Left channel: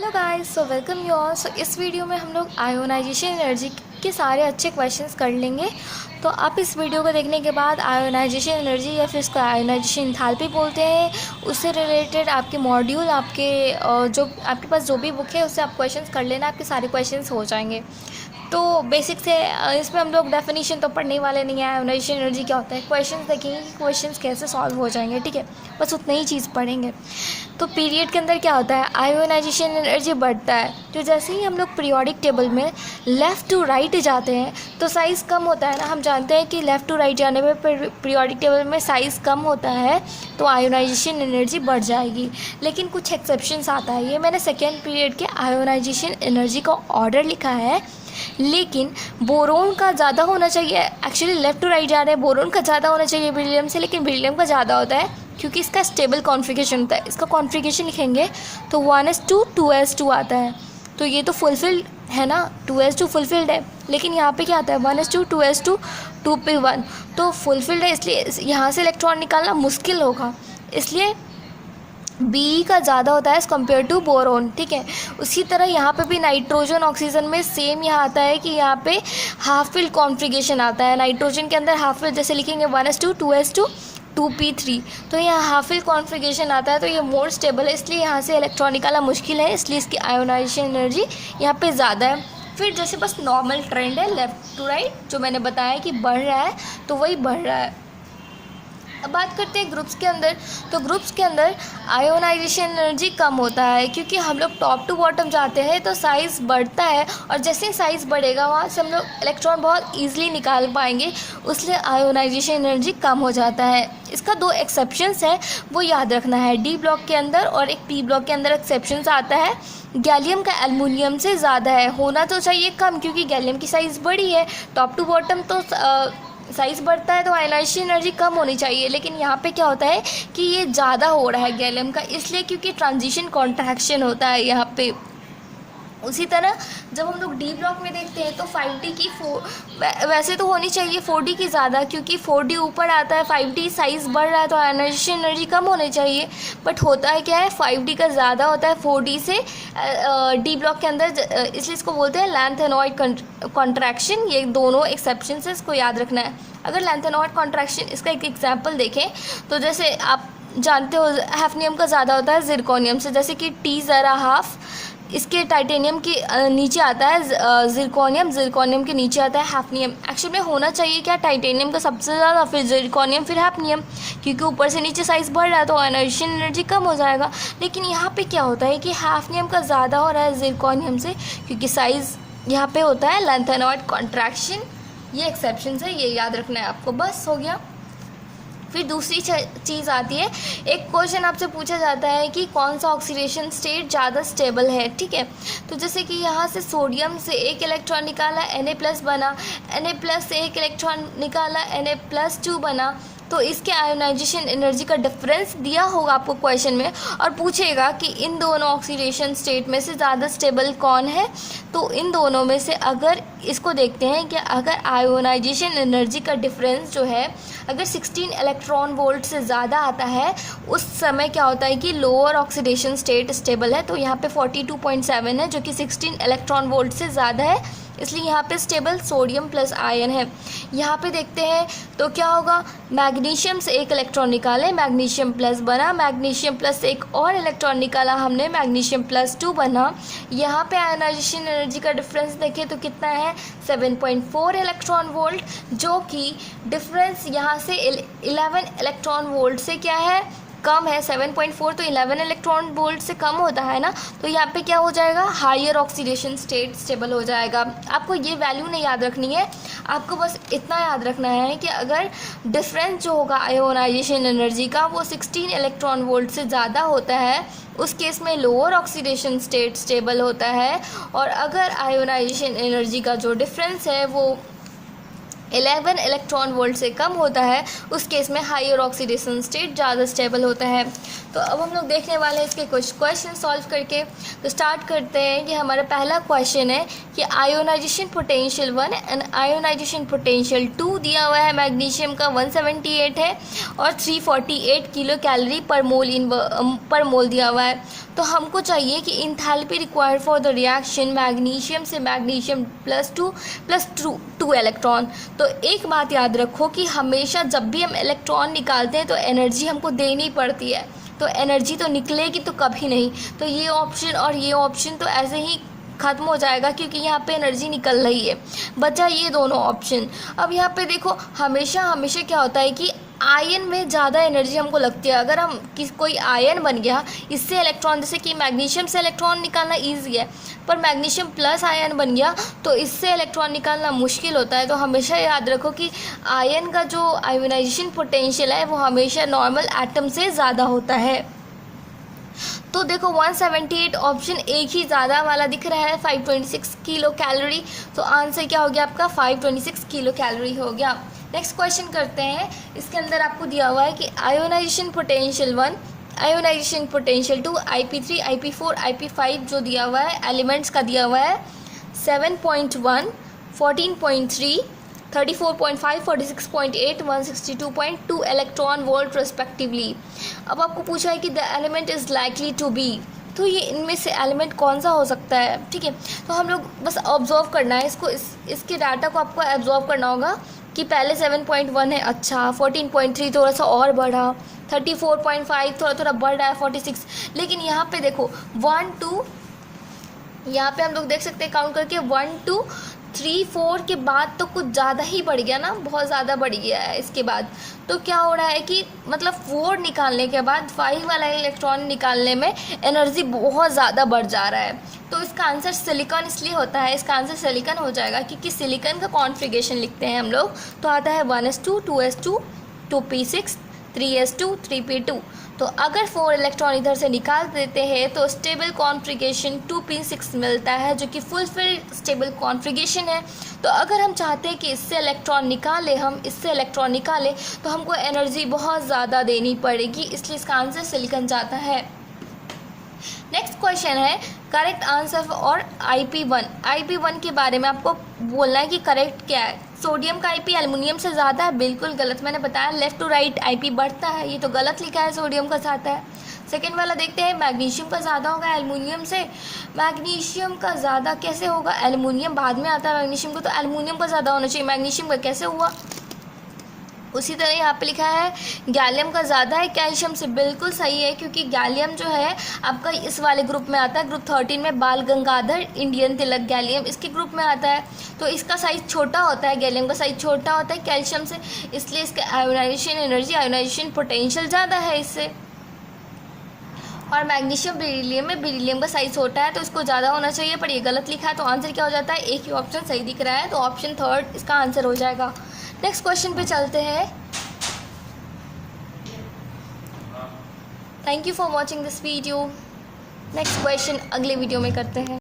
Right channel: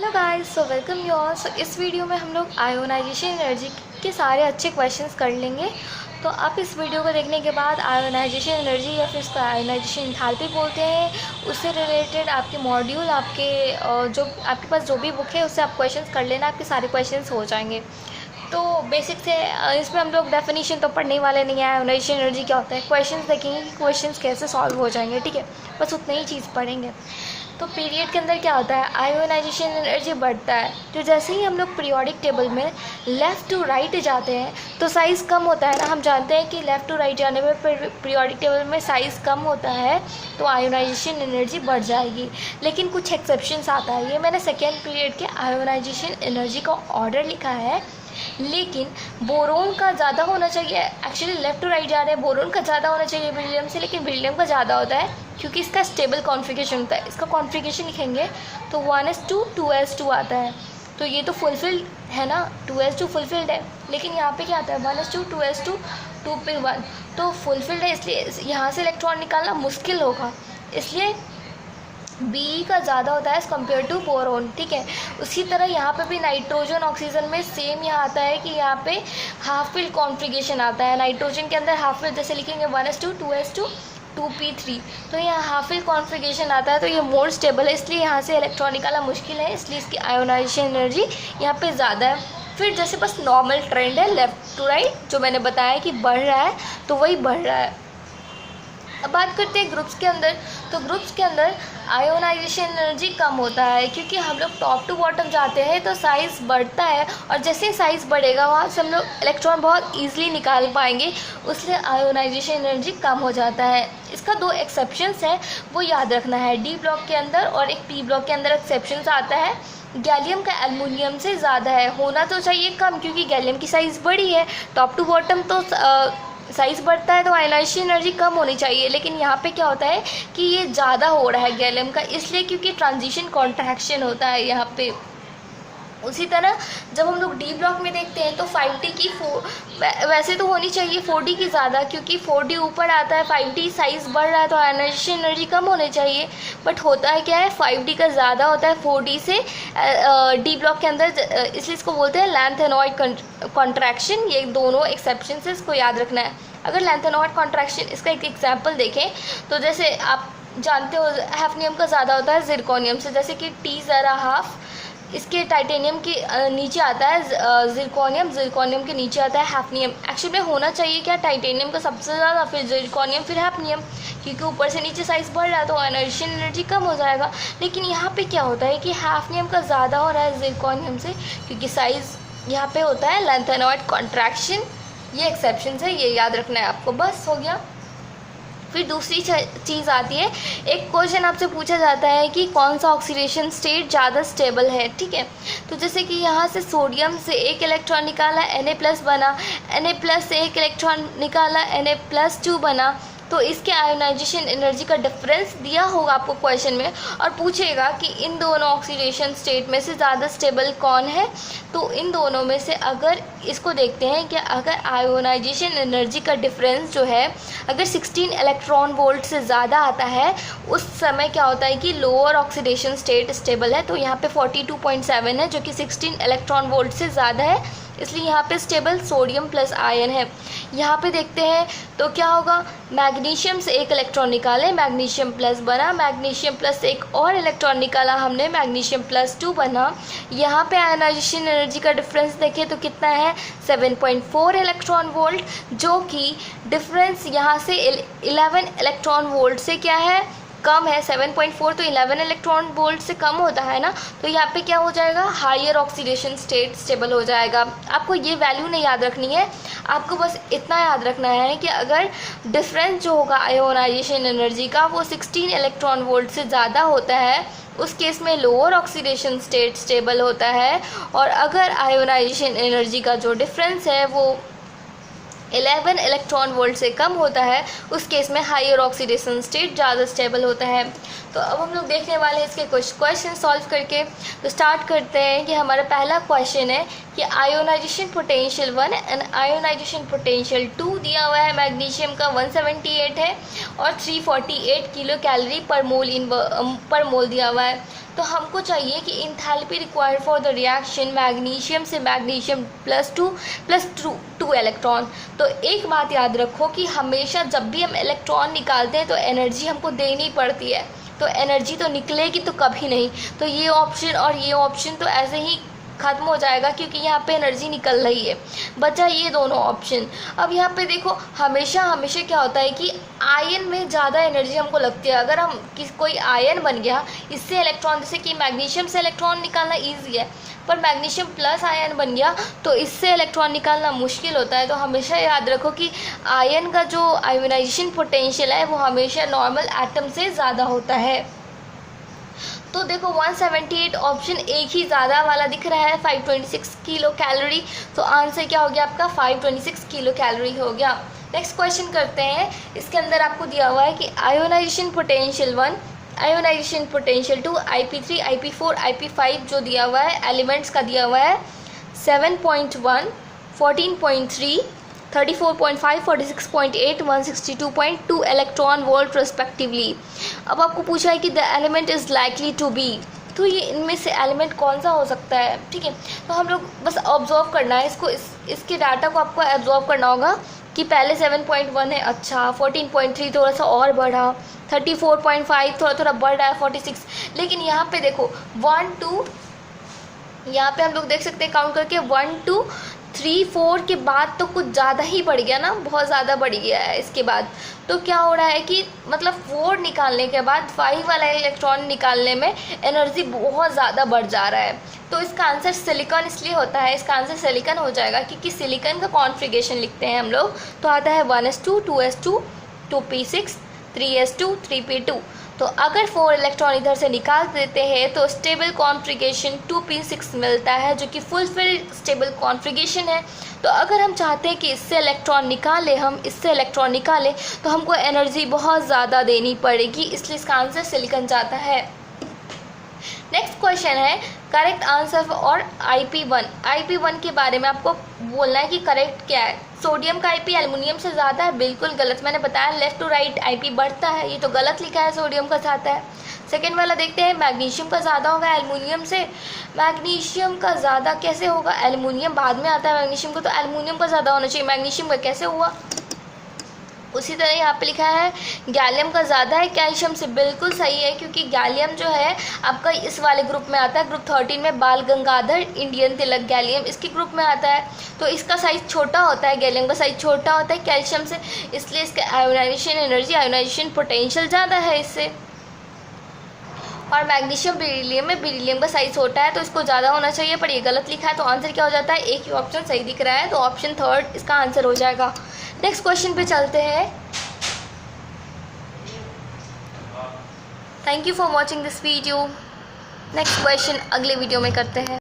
Hello guys, so welcome you all. So इस video में हम लोग आयोनाइजेशन एनर्जी के सारे अच्छे क्वेश्चंस कर लेंगे। तो आप इस वीडियो को देखने के बाद आयोनाइजेशन एनर्जी या फिर इसका आयोनाइजेशन एंथैल्पी बोलते हैं, उससे रिलेटेड आपके मॉड्यूल जो आपके पास जो भी बुक है उससे आप क्वेश्चंस कर लेना, आपके सारे क्वेश्चंस हो जाएंगे। तो बेसिक से इसमें हम लोग डेफिनेशन तो पढ़ने वाले नहीं है, आयोनाइजेशन एनर्जी क्या होता है, क्वेश्चंस देखेंगे कि क्वेश्चंस कैसे सॉल्व हो जाएंगे। ठीक है, बस उतनी ही चीज़ पढ़ेंगे। तो पीरियड के अंदर क्या होता है, आयोनाइजेशन एनर्जी बढ़ता है। तो जैसे ही हम लोग पीरियोडिक टेबल में लेफ़्ट टू राइट जाते हैं तो साइज़ कम होता है ना। हम जानते हैं कि लेफ़्ट टू राइट जाने में पीरियोडिक टेबल में साइज़ कम होता है तो आयोनाइजेशन एनर्जी बढ़ जाएगी। लेकिन कुछ एक्सेप्शंस आता है। ये मैंने सेकेंड पीरियड के आयोनाइजेशन एनर्जी का ऑर्डर लिखा है, लेकिन बोरोन का ज़्यादा होना चाहिए। एक्चुअली लेफ़्ट टू राइट जा रहे हैं, बोरोन का ज़्यादा होना चाहिए बेरिलियम से, लेकिन बेरिलियम का ज़्यादा होता है क्योंकि इसका स्टेबल कॉन्फ़िगरेशन होता है। इसका कॉन्फ़िगरेशन लिखेंगे तो 1s2 2s2 आता है। तो ये तो फुलफिल्ड है ना, 2s2 फुलफिल्ड है। लेकिन यहाँ पे क्या आता है, 1s2 2s2 2p1, तो फुलफिल्ड है, इसलिए यहाँ से इलेक्ट्रॉन निकालना मुश्किल होगा। इसलिए बी का ज़्यादा होता है एज़ कम्पेयर टू बोरोन। ठीक है, उसी तरह यहाँ पे भी नाइट्रोजन ऑक्सीजन में सेम यहाँ आता है कि यहाँ पे हाफ फिल कॉन्फ़िगरेशन आता है। नाइट्रोजन के अंदर हाफ फिल, जैसे लिखेंगे 1s2 2s2 2p3, तो यहाँ हाफ फिल कॉन्फ़िगरेशन आता है। तो ये मोर स्टेबल है, इसलिए यहाँ से इलेक्ट्रॉन निकालना मुश्किल है, इसलिए इसकी आयोनाइजेशन एनर्जी यहाँ पे ज़्यादा है। फिर जैसे बस नॉर्मल ट्रेंड है लेफ़्ट टू राइट, जो मैंने बताया कि बढ़ रहा है, तो वही बढ़ रहा है। अब बात करते हैं ग्रुप्स के अंदर। तो ग्रुप्स के अंदर आयोनाइजेशन एनर्जी कम होता है क्योंकि हम लोग टॉप टू बॉटम जाते हैं तो साइज़ बढ़ता है, और जैसे ही साइज़ बढ़ेगा वहाँ से हम लोग इलेक्ट्रॉन बहुत ईजिली निकाल पाएंगे, इसलिए आयोनाइजेशन एनर्जी कम हो जाता है। इसका दो एक्सेप्शंस है, वो याद रखना है। डी ब्लॉक के अंदर और एक पी ब्लॉक के अंदर एक्सेप्शंस आता है। गैलियम का एल्युमिनियम से ज़्यादा है, होना तो चाहिए कम क्योंकि गैलियम की साइज़ बड़ी है। टॉप टू बॉटम तो साइज़ बढ़ता है तो आयोनाइजेशन एनर्जी कम होनी चाहिए, लेकिन यहाँ पे क्या होता है कि ये ज़्यादा हो रहा है गैलियम का, इसलिए क्योंकि ट्रांजिशन कॉन्ट्रैक्शन होता है यहाँ पे। उसी तरह जब हम लोग डी ब्लॉक में देखते हैं तो 5D की वैसे तो होनी चाहिए 4D की ज़्यादा, क्योंकि 4D ऊपर आता है, 5D साइज़ बढ़ रहा है तो आयोनाइजेशन एनर्जी कम होनी चाहिए। बट होता है क्या है, 5D का ज़्यादा होता है 4D से डी ब्लॉक के अंदर, इसलिए इसको बोलते हैं लैंथेनॉइड कॉन्ट्रैक्शन। ये दोनों एक्सेप्शन से इसको याद रखना है। अगर लैंथेनॉइड कॉन्ट्रैक्शन, इसका एक एग्जाम्पल देखें तो जैसे आप जानते हो हैफनियम का ज़्यादा होता है जिरकोनियम से, जैसे कि T ज़रा हाफ इसके टाइटेनियम के नीचे आता है जिरकोनियम, जिरकोनियम के नीचे आता है हैफनियम। एक्चुअली में होना चाहिए क्या, टाइटेनियम का सबसे ज़्यादा, फिर जिरकोनियम, फिर हैफनियम, क्योंकि ऊपर से नीचे साइज़ बढ़ रहा है तो आयोनाइजेशन एनर्जी कम हो जाएगा। लेकिन यहाँ पे क्या होता है कि हैफनियम का ज़्यादा हो रहा है जिरकोनियम से, क्योंकि साइज़ यहाँ पे होता है लैंथेनॉइड कॉन्ट्रैक्शन। ये एक्सेप्शन है, ये याद रखना है आपको, बस हो गया। फिर दूसरी चीज़ आती है, एक क्वेश्चन आपसे पूछा जाता है कि कौन सा ऑक्सीडेशन स्टेट ज़्यादा स्टेबल है। ठीक है, तो जैसे कि यहाँ से सोडियम से एक इलेक्ट्रॉन निकाला Na+ बना, Na+ से एक इलेक्ट्रॉन निकाला Na+2 बना, तो इसके आयोनाइजेशन एनर्जी का डिफरेंस दिया होगा आपको क्वेश्चन में, और पूछेगा कि इन दोनों ऑक्सीडेशन स्टेट में से ज़्यादा स्टेबल कौन है। तो इन दोनों में से अगर इसको देखते हैं कि अगर आयोनाइजेशन एनर्जी का डिफरेंस जो है अगर 16 इलेक्ट्रॉन वोल्ट से ज़्यादा आता है, उस समय क्या होता है कि लोअर ऑक्सीडेशन स्टेट स्टेबल है। तो यहाँ पे 42.7 है जो कि 16 इलेक्ट्रॉन वोल्ट से ज़्यादा है, इसलिए यहाँ पे स्टेबल सोडियम प्लस आयन है। यहाँ पे देखते हैं तो क्या होगा, मैग्नीशियम से एक इलेक्ट्रॉन निकाले, मैग्नीशियम प्लस बना, मैग्नीशियम प्लस से एक और इलेक्ट्रॉन निकाला हमने, मैग्नीशियम +2 बना। यहाँ पे आयोनाइजेशन एनर्जी का डिफरेंस देखें तो कितना है, 7.4 इलेक्ट्रॉन वोल्ट, जो कि डिफरेंस यहाँ से 11 इलेक्ट्रॉन वोल्ट से क्या है, कम है। 7.4 तो 11 इलेक्ट्रॉन वोल्ट से कम होता है ना, तो यहाँ पे क्या हो जाएगा, हायर ऑक्सीडेशन स्टेट स्टेबल हो जाएगा। आपको ये वैल्यू नहीं याद रखनी है, आपको बस इतना याद रखना है कि अगर डिफरेंस जो होगा आयोनाइजेशन एनर्जी का वो 16 इलेक्ट्रॉन वोल्ट से ज़्यादा होता है, उस केस में लोअर ऑक्सीडेशन स्टेट स्टेबल होता है। और अगर आयोनाइजेशन एनर्जी का जो डिफरेंस है वो 11 इलेक्ट्रॉन वोल्ट से कम होता है, उस केस में हायर ऑक्सीडेशन स्टेट ज़्यादा स्टेबल होता है। तो अब हम लोग देखने वाले हैं इसके कुछ क्वेश्चन सॉल्व करके। तो स्टार्ट करते हैं कि हमारा पहला क्वेश्चन है कि ionization potential 1 and ionization potential 2 दिया हुआ है। मैग्नीशियम का 178 है और 348 किलो कैलोरी पर मोल दिया हुआ है। तो हमको चाहिए कि enthalpy required for the reaction magnesium से मैग्नीशियम +2 इलेक्ट्रॉन। तो एक बात याद रखो कि हमेशा जब भी हम इलेक्ट्रॉन निकालते हैं तो एनर्जी हमको देनी पड़ती है, तो एनर्जी तो निकलेगी तो कभी नहीं। तो ये ऑप्शन और ये ऑप्शन तो ऐसे ही ख़त्म हो जाएगा क्योंकि यहाँ पे एनर्जी निकल रही है, बचा ये दोनों ऑप्शन। अब यहाँ पे देखो हमेशा क्या होता है कि आयन में ज़्यादा एनर्जी हमको लगती है। अगर हम कोई आयन बन गया, इससे इलेक्ट्रॉन, जैसे कि मैग्नीशियम से इलेक्ट्रॉन निकालना ईजी है, पर मैग्नीशियम प्लस आयन बन गया तो इससे इलेक्ट्रॉन निकालना मुश्किल होता है। तो हमेशा याद रखो कि आयन का जो आयोनाइजेशन पोटेंशियल है वो हमेशा नॉर्मल एटम से ज़्यादा होता है। तो देखो 178 ऑप्शन एक ही ज़्यादा वाला दिख रहा है, 526 किलो कैलोरी। तो आंसर क्या हो गया आपका, 526 किलो कैलोरी हो गया। नेक्स्ट क्वेश्चन करते हैं। इसके अंदर आपको दिया हुआ है कि ionization potential 1, ionization potential 2, IP3, IP4, IP5 जो दिया हुआ है एलिमेंट्स का दिया हुआ है 7.1, 14.3, 34.5, 46.8, 162.2 इलेक्ट्रॉन वोल्ट रेस्पेक्टिवली। अब आपको पूछा है कि the element is likely to be, तो ये इनमें से एलिमेंट कौन सा हो सकता है, ठीक है। तो हम लोग बस ऑब्जर्व करना है इसको, इसके डाटा को आपको ऑब्जर्व करना होगा कि पहले 7.1 है, अच्छा 14.3 थोड़ा सा और बढ़ा, 34.5 थोड़ा बढ़ रहा है, 46। लेकिन यहाँ पे देखो 1 2, यहाँ पे हम लोग देख सकते हैं काउंट करके 1 2 3 4 के बाद तो कुछ ज़्यादा ही बढ़ गया ना, बहुत ज़्यादा बढ़ गया है इसके बाद। तो क्या हो रहा है कि मतलब 4 निकालने के बाद 5 वाला इलेक्ट्रॉन निकालने में एनर्जी बहुत ज़्यादा बढ़ जा रहा है। तो इसका आंसर सिलिकॉन इसलिए होता है, इसका आंसर सिलिकॉन हो जाएगा क्योंकि सिलिकॉन का कॉन्फ़िगरेशन लिखते हैं हम लोग तो आता है 1s2, 2s2, 2p6, 3s2, 3p2। तो अगर 4 इलेक्ट्रॉन इधर से निकाल देते हैं तो स्टेबल कॉन्फ़िगरेशन 2p6 मिलता है जो कि फुलफिल्ड स्टेबल कॉन्फ़िगरेशन है। तो अगर हम चाहते हैं कि इससे इलेक्ट्रॉन निकालें तो हमको एनर्जी बहुत ज़्यादा देनी पड़ेगी, इसलिए इसका आंसर सिलिकॉन जाता है। नेक्स्ट क्वेश्चन है करेक्ट आंसर और IP1 के बारे में आपको बोलना है कि करेक्ट क्या है। सोडियम का IP एल्युमिनियम से ज़्यादा है, बिल्कुल गलत। मैंने बताया लेफ़्ट टू राइट IP बढ़ता है, ये तो गलत लिखा है, सोडियम का ज़्यादा है। सेकेंड वाला देखते हैं मैग्नीशियम का ज़्यादा होगा एल्युमिनियम से। मैग्नीशियम का ज़्यादा कैसे होगा, एल्युमिनियम बाद में आता है मैग्नीशियम को, तो एल्युमिनियम का ज़्यादा होना चाहिए, मैग्नीशियम का कैसे हुआ। उसी तरह यहाँ पे लिखा है गैलियम का ज़्यादा है कैल्शियम से, बिल्कुल सही है क्योंकि गैलियम जो है आपका इस वाले ग्रुप में आता है, ग्रुप 13 में बाल गंगाधर इंडियन तिलक गैलियम इसके ग्रुप में आता है। तो इसका साइज़ छोटा होता है, गैलियम का साइज़ छोटा होता है कैल्शियम से, इसलिए इसका आयोनाइजेशन एनर्जी, आयोनाइजेशन पोटेंशियल ज़्यादा है इससे। और मैग्नीशियम बेरिलियम में बेरिलियम का साइज़ छोटा है तो इसको ज़्यादा होना चाहिए, पर ये गलत लिखा है। तो आंसर क्या हो जाता है, एक ही ऑप्शन सही दिख रहा है, तो ऑप्शन 3 इसका आंसर हो जाएगा। नेक्स्ट क्वेश्चन पे चलते हैं। Thank you for watching this video. Next question अगले वीडियो में करते हैं।